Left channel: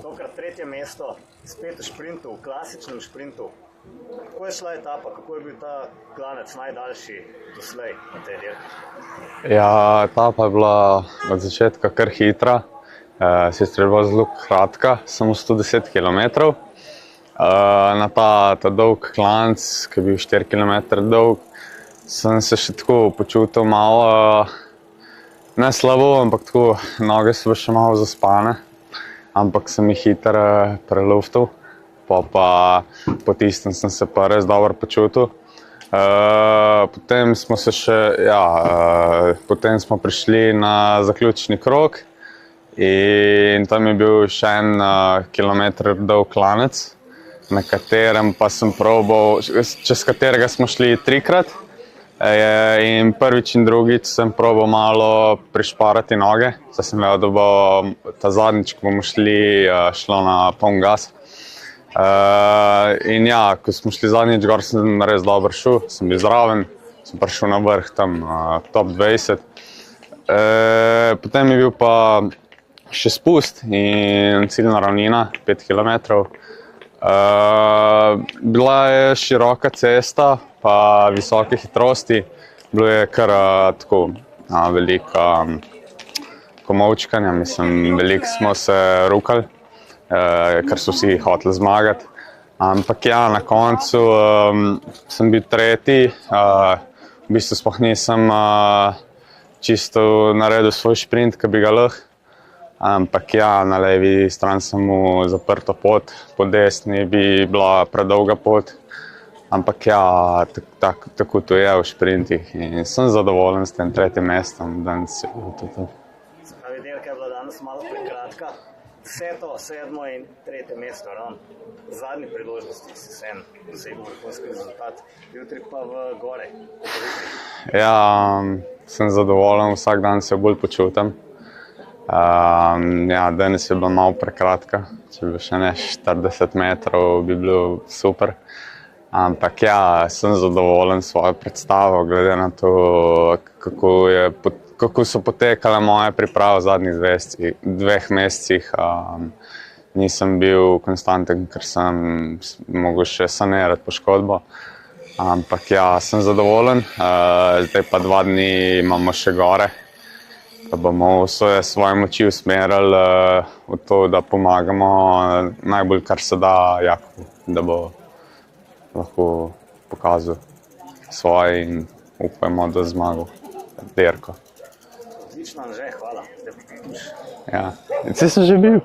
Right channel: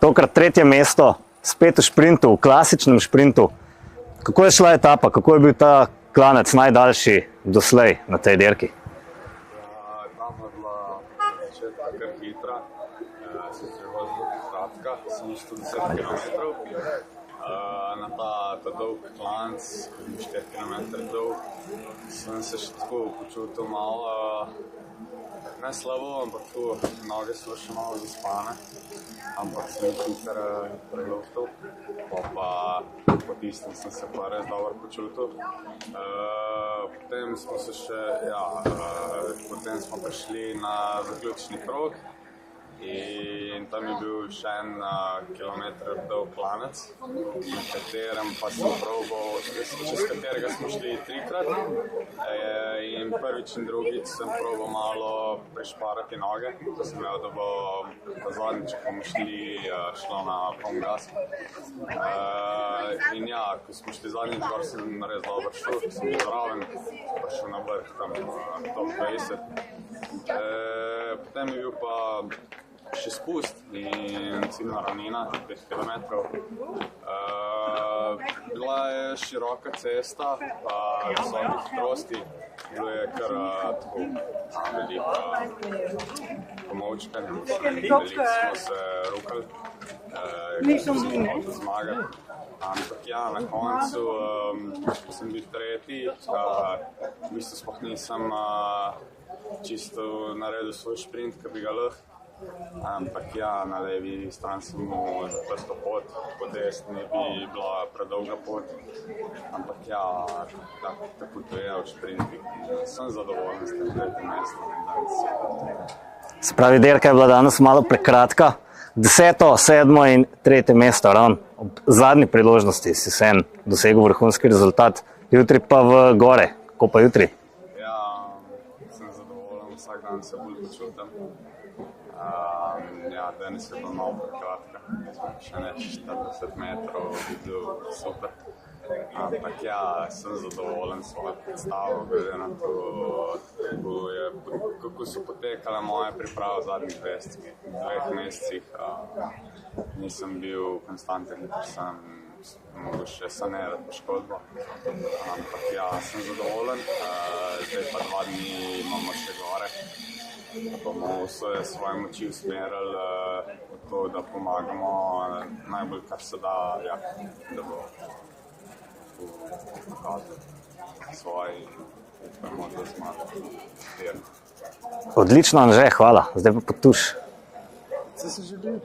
Tokrat tretje mesto, spet v šprintu, v klasičnem šprintu. Kako je šla etapa, kako je bil ta klanec najdaljši doslej na tej dirki? Ja, etapa je bila od začetka kar hitra, sicer je bila zelo kratka, samo 110 km. Na ta dolg klanec, ki je bil 4 km dolg, sem se še tako počutil malo, ne slabo, ampak tako, noge so še malo zaspane, ampak sem jih hitro preluftal, pa po tistem sem se pa res dobro počutil. Potem smo se še, potem smo prišli na zaključni krog in tam je bil še en kilometer dolg klanec, na katerem pa sem probal, čez katerega smo šli trikrat. In prvič in drugič sem probal malo prišparati noge, saj sem vedel, da bo ta zadnjič, ko bomo šlo na poln gas. In ja, ko smo šli zadnjič gor, sem res dobro šel, sem bil zraven, sem prišel na vrh tam top 20. Potem je bil pa še spust in ciljna ravnina, 5 km. Bila je široka cesta, pa visoke hitrosti, bilo je kar tako veliko komolčkanja, mislim, veliko smo se rukali, ker so vsi hoteli zmagati. Ampak ja, na koncu sem bil tretji, v bistvu sploh nisem čisto naredil svoj šprint, ki bi ga lahko. Ampak ja, na levi strani sem mu zaprto pot, po desni bi bila predolga pot. Ampak ja, tako to je v šprintih in sem zadovoljen s tem tretjim mestom danes. Se pravi, dirka je bila danes malo prekratka. 10., 7. in 3. mesto, ravno ob zadnji priložnosti si vseeno dosegel vrhunski rezultat. Jutri pa v gore. Kako pa jutri? Ja, sem zadovoljen, vsak dan se bolj počutim. Ja, danes je bila malo prekratka, če bi še ne 40 metrov, bi bilo super. Ampak ja, sem zadovoljen s svojo predstavo, glede na to, kako so potekale moje priprave v zadnjih 2 mesecih. Nisem bil konstanten, ker sem mogel še sanirati poškodbo. Ampak ja, sem zadovoljen, zdaj pa 2 dni imamo še gore. Da bomo vse svoje moči usmerili v to, da pomagamo najbolj, kar se da Jaku, da bo lahko pokazal svoje in upajmo, da zmagal dirko. Odlično, Anže, hvala. Zdaj pa Potuš. Ja, saj sem že bil.